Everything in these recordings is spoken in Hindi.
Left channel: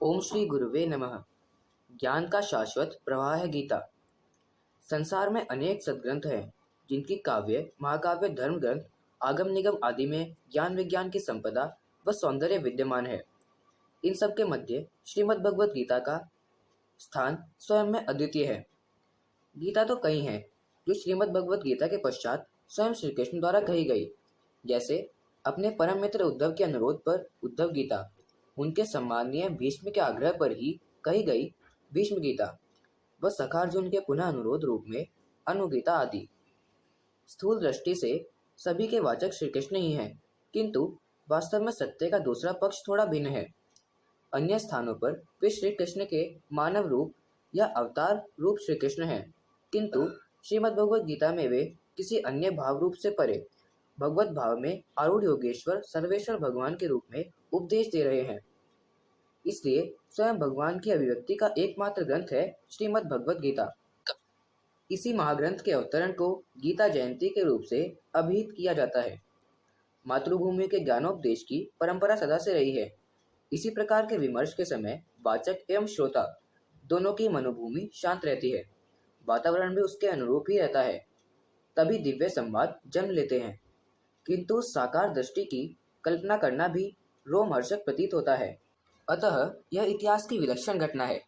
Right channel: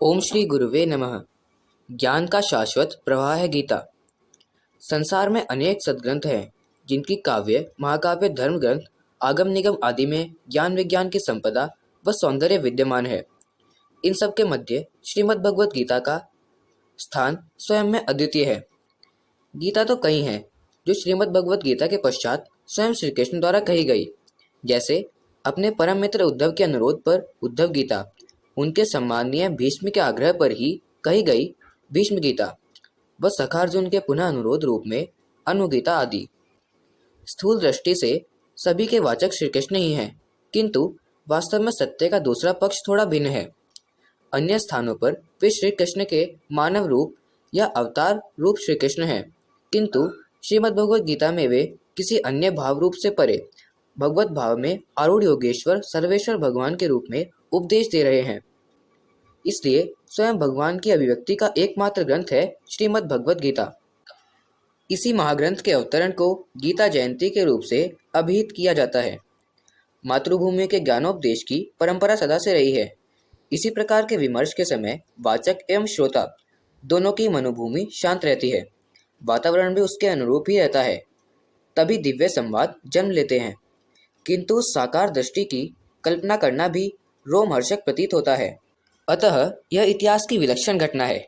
ओम श्री गुरुवे नमः। ज्ञान का शाश्वत प्रवाह है गीता। संसार में अनेक सद्ग्रंथ हैं जिनकी काव्य, महाकाव्य, धर्म ग्रंथ, आगम निगम आदि में ज्ञान विज्ञान की संपदा व सौंदर्य विद्यमान है। इन सब के मध्य श्रीमद् भगवत गीता का स्थान स्वयं में अद्वितीय है। गीता तो कई हैं जो श्रीमद् भगवत गीता के पश्चात स्वयं श्री कृष्ण द्वारा कही गई, जैसे अपने परम मित्र उद्धव के अनुरोध पर उद्धव गीता, उनके सम्माननीय भीष्म के आग्रह पर ही कही गई भीष्म गीता व सखार्जुन के पुनः अनुरोध रूप में अनुगीता आदि। स्थूल दृष्टि से सभी के वाचक श्री कृष्ण ही हैं, किंतु वास्तव में सत्य का दूसरा पक्ष थोड़ा भिन्न है। अन्य स्थानों पर वे श्री कृष्ण के मानव रूप या अवतार रूप श्री कृष्ण हैं, किंतु श्रीमद् भगवत गीता में वे किसी अन्य भाव रूप से परे भगवत भाव में आरूढ़ योगेश्वर सर्वेश्वर भगवान के रूप में उपदेश दे रहे हैं। इसलिए स्वयं भगवान की अभिव्यक्ति का एकमात्र ग्रंथ है श्रीमद् भगवत गीता। इसी महाग्रंथ के अवतरण को गीता जयंती के रूप से अभिहित किया जाता है। मातृभूमि के ज्ञानोपदेश की परंपरा सदा से रही है। इसी प्रकार के विमर्श के समय वाचक एवं श्रोता दोनों की मनोभूमि शांत रहती है, वातावरण भी उसके अनुरूप ही रहता है, तभी दिव्य संवाद जन्म लेते हैं। किंतु उस साकार दृष्टि की कल्पना करना भी रोमहर्षक प्रतीत होता है। अतः यह इतिहास की विलक्षण घटना है।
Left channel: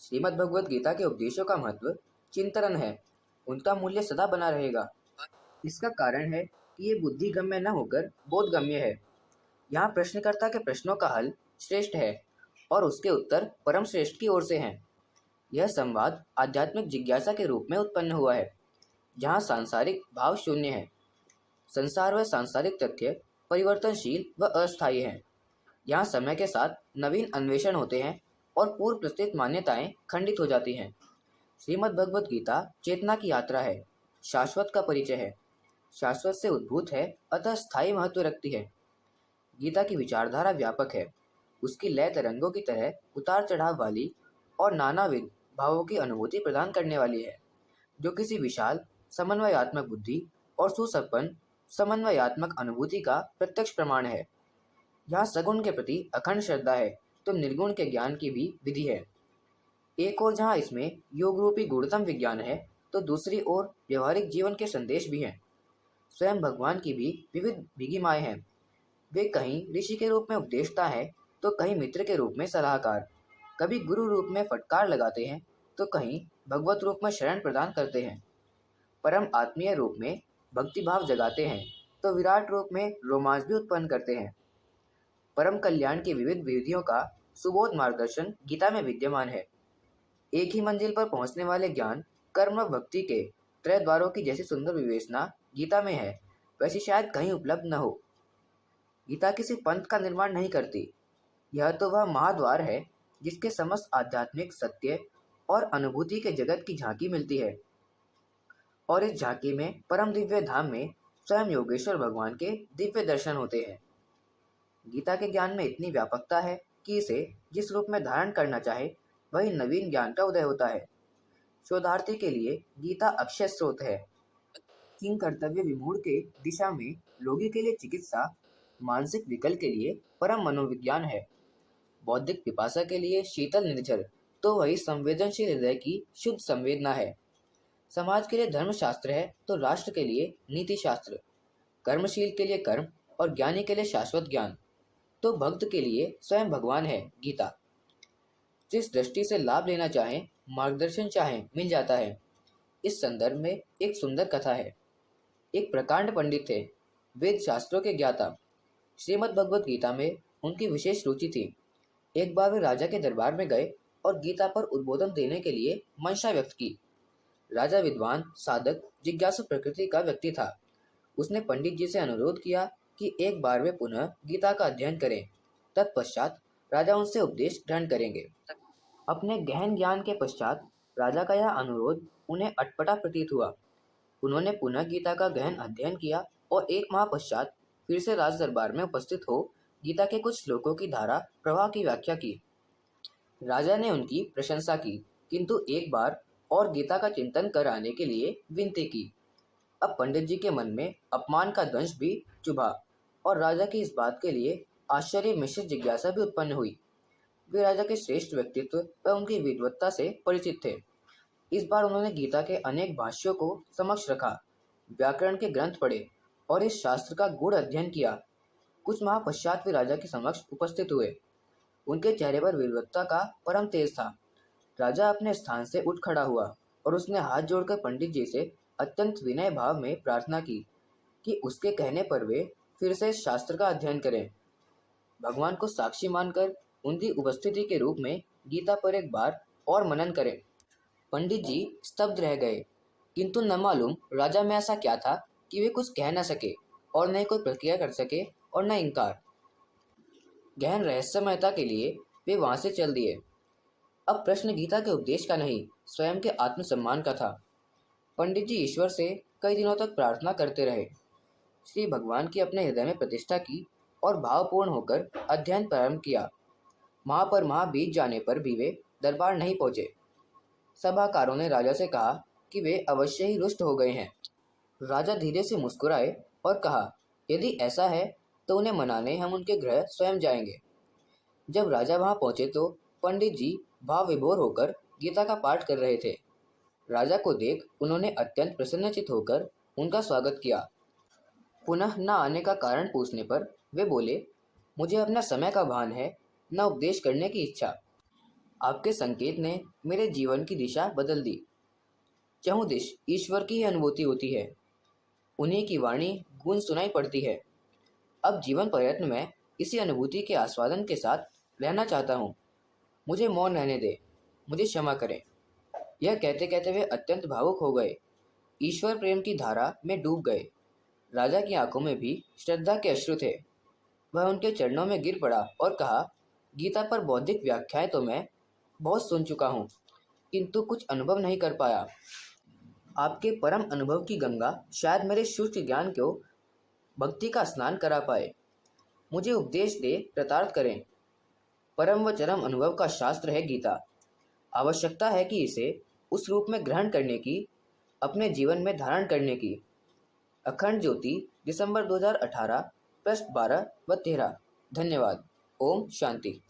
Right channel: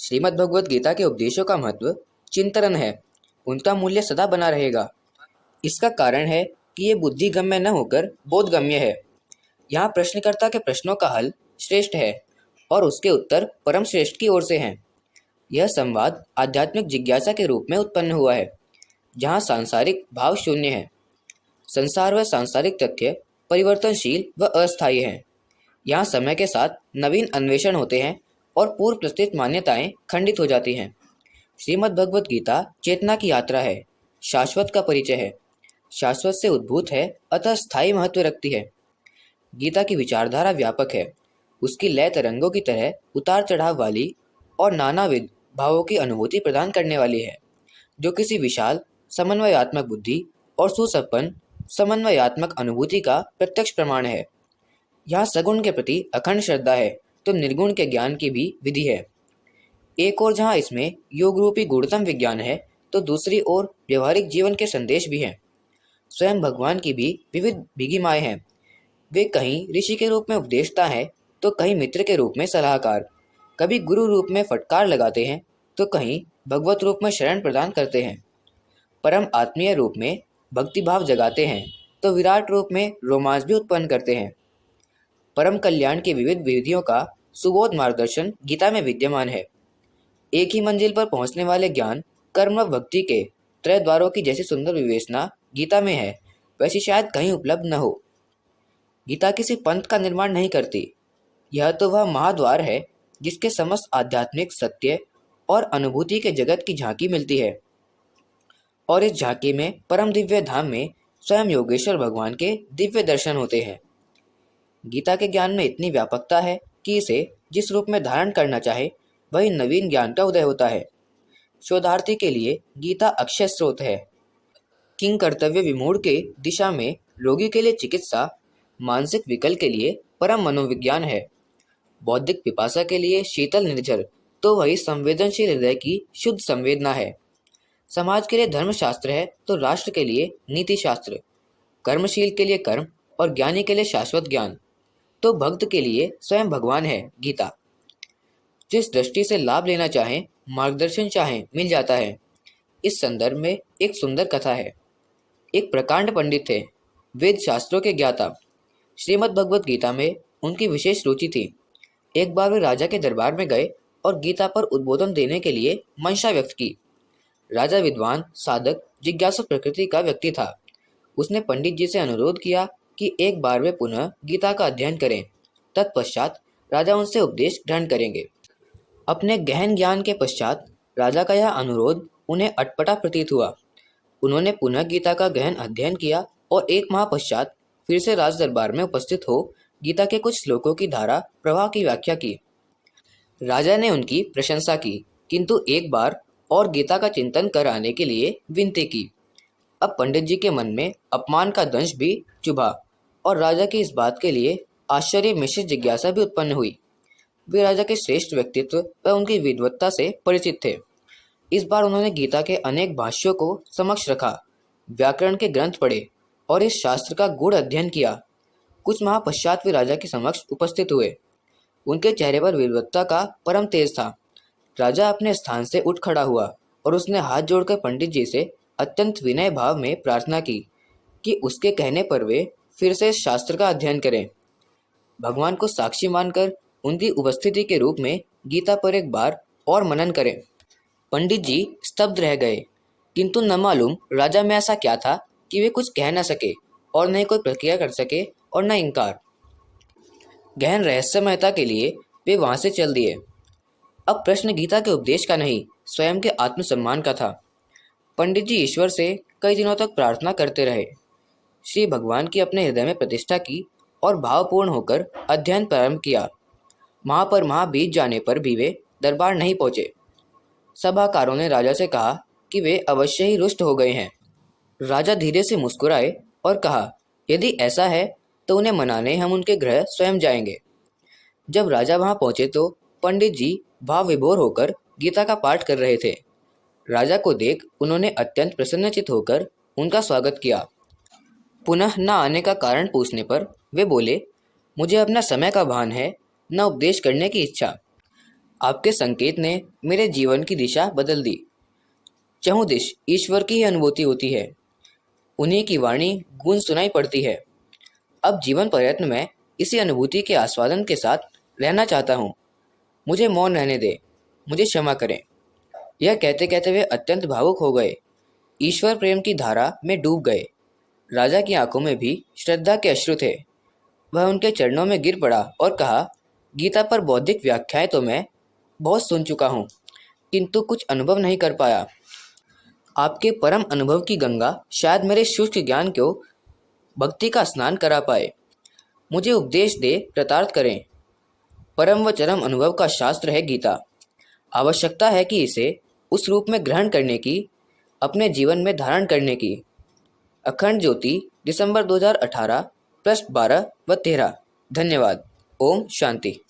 श्रीमद् भगवत गीता के उपदेशों का महत्व चिंतन है, उनका मूल्य सदा बना रहेगा। इसका कारण है कि ये बुद्धिगम्य न होकर बोधगम्य है। यहाँ प्रश्नकर्ता के प्रश्नों का हल श्रेष्ठ है और उसके उत्तर परम श्रेष्ठ की ओर से हैं। यह संवाद आध्यात्मिक जिज्ञासा के रूप में उत्पन्न हुआ है, जहाँ सांसारिक भाव शून्य है। संसार व सांसारिक तथ्य परिवर्तनशील व अस्थायी हैं। यहाँ समय के साथ नवीन अन्वेषण होते हैं और पूर्व प्रस्तुत मान्यताएं खंडित हो जाती हैं। श्रीमद् भगवत गीता चेतना की यात्रा है, शाश्वत का परिचय है, शाश्वत से उद्भूत है, अतः स्थायी महत्व रखती है। गीता की विचारधारा व्यापक है, उसकी लय तरंगों की तरह उतार चढ़ाव वाली और नानाविध भावों की अनुभूति प्रदान करने वाली है, जो किसी विशाल समन्वयात्मक बुद्धि और सुसंपन्न समन्वयात्मक अनुभूति का प्रत्यक्ष प्रमाण है। यहाँ सगुण के प्रति अखंड श्रद्धा है तो निर्गुण के ज्ञान की भी विधि है। एक ओर जहाँ इसमें योग रूपी गूढ़तम विज्ञान है, तो दूसरी ओर व्यवहारिक जीवन के संदेश भी हैं। स्वयं भगवान की भी विविध भीगिमाएँ हैं। वे कहीं ऋषि के रूप में उपदेशता है तो कहीं मित्र के रूप में सलाहकार, कभी गुरु रूप में फटकार लगाते हैं तो कहीं भगवत रूप में शरण प्रदान करते हैं, परम आत्मीय रूप में भक्तिभाव जगाते हैं तो विराट रूप में रोमांच भी उत्पन्न करते हैं। परम कल्याण की विविध विधियों का सुबोध मार्गदर्शन गीता में विद्यमान है। एक ही मंजिल पर पहुंचने वाले ज्ञान, कर्म व भक्ति के त्रय द्वारों की जैसी सुंदर विवेचना गीता में है, वैसी शायद कहीं उपलब्ध न हो। गीता किसी पंथ का निर्माण नहीं करती, यह तो वह महाद्वार है जिसके समस्त आध्यात्मिक सत्य और अनुभूति के जगत की झांकी मिलती है। और इस झांकी में परम दिव्य धाम में स्वयं योगेश्वर भगवान के दिव्य दर्शन होते हैं। गीता के ज्ञान में इतनी व्यापकता है कि इसे जिस रूप में धारण करना चाहे वही नवीन ज्ञान का उदय होता है। शोधार्थी के लिए गीता अक्षय स्रोत है। किंग कर्तव्य विमूढ़ के दिशा में रोगी के लिए चिकित्सा, मानसिक विकल के लिए परम मनोविज्ञान है, बौद्धिक पिपासा के लिए शीतल निर्झर तो वही संवेदनशील हृदय की शुद्ध संवेदना है। समाज के लिए धर्मशास्त्र है तो राष्ट्र के लिए नीति शास्त्र, कर्मशील के लिए कर्म और ज्ञानी के लिए शाश्वत ज्ञान, तो भक्त के लिए स्वयं भगवान है गीता। जिस दृष्टि से लाभ लेना चाहें, मार्गदर्शन चाहें, मिल जाता है। इस संदर्भ में एक सुंदर कथा है। एक प्रकांड पंडित थे, वेद शास्त्रों के ज्ञाता। श्रीमद् भगवत गीता में उनकी विशेष रुचि थी। एक बार वे राजा के दरबार में गए और गीता पर उद्बोधन देने के लिए मंशा व्यक्त की। राजा विद्वान, साधक, जिज्ञासु प्रकृति का व्यक्ति था। उसने पंडित जी से अनुरोध किया कि एक बार वे पुनः गीता का अध्ययन करें, तत्पश्चात राजा उनसे उपदेश ग्रहण करेंगे। अपने गहन ज्ञान के पश्चात राजा का यह अनुरोध उन्हें अटपटा प्रतीत हुआ। उन्होंने पुनः गीता का गहन अध्ययन किया और एक माह पश्चात फिर से राज दरबार में उपस्थित हो गीता के कुछ श्लोकों की धारा प्रवाह की व्याख्या की। राजा ने उनकी प्रशंसा की, किंतु एक बार और गीता का चिंतन कर आने के लिए विनती की। अब पंडित जी के मन में अपमान का दंश भी चुभा और राजा की इस बात के लिए आश्चर्य मिश्रित जिज्ञासा भी उत्पन्न हुई। वे राजा के श्रेष्ठ व्यक्तित्व व उनकी विद्वत्ता से परिचित थे। इस बार उन्होंने गीता के अनेक भाष्यों को समक्ष रखा, व्याकरण के ग्रंथ पढ़े और इस शास्त्र का गूढ़ अध्ययन किया। कुछ माह पश्चात वे राजा के समक्ष उपस्थित हुए। उनके चेहरे पर विद्वत्ता का परम तेज था। राजा अपने स्थान से उठ खड़ा हुआ और उसने हाथ जोड़कर पंडित जी से अत्यंत विनय भाव में प्रार्थना की कि उसके कहने पर वे फिर से इस शास्त्र का अध्ययन करें। भगवान को साक्षी मानकर उनकी उपस्थिति के रूप में गीता पर एक बार और मनन करें। पंडित जी स्तब्ध रह गए, किंतु न मालूम राजा में ऐसा क्या था कि वे कुछ कह न सके और न ही कोई प्रतिक्रिया कर सके और न इनकार। गहन रहस्यमयता के लिए वे वहां से चल दिए। अब प्रश्न गीता के उपदेश का नहीं, स्वयं के आत्मसम्मान का था। पंडित जी ईश्वर से कई दिनों तक प्रार्थना करते रहे। श्री भगवान की अपने हृदय में प्रतिष्ठा की और भावपूर्ण होकर अध्ययन प्रारंभ किया। माह पर माह बीत जाने पर भी वे दरबार नहीं पहुंचे। सभाकारों ने राजा से कहा कि वे अवश्य ही रुष्ट हो गए हैं। राजा धीरे से मुस्कुराए और कहा, यदि ऐसा है तो उन्हें मनाने हम उनके गृह स्वयं जाएंगे। जब राजा वहां पहुंचे तो पंडित जी भाव विभोर होकर गीता का पाठ कर रहे थे। राजा को देख उन्होंने अत्यंत प्रसन्नचित होकर उनका स्वागत किया। पुनः न आने का कारण पूछने पर वे बोले, मुझे अपना समय का भान है, न उपदेश करने की इच्छा। आपके संकेत ने मेरे जीवन की दिशा बदल दी। चहुदिश ईश्वर की ही अनुभूति होती है, उन्हीं की वाणी गूंज सुनाई पड़ती है। अब जीवन पर्यंत मैं इसी अनुभूति के आस्वादन के साथ रहना चाहता हूँ। मुझे मौन रहने दे, मुझे क्षमा करें। यह कहते कहते वे अत्यंत भावुक हो गए, ईश्वर प्रेम की धारा में डूब गए। राजा की आंखों में भी श्रद्धा के अश्रु थे। वह उनके चरणों में गिर पड़ा और कहा, गीता पर बौद्धिक व्याख्याएं तो मैं बहुत सुन चुका हूँ, किंतु कुछ अनुभव नहीं कर पाया। आपके परम अनुभव की गंगा शायद मेरे शुष्क ज्ञान को भक्ति का स्नान करा पाए। मुझे उपदेश दे कृतार्थ करें। परम व चरम अनुभव का शास्त्र है गीता। आवश्यकता है कि इसे उस रूप में ग्रहण करने की, अपने जीवन में धारण करने की। अखंड ज्योति, दिसंबर 2018, पृष्ठ 12 व 13। धन्यवाद। ओम शांति।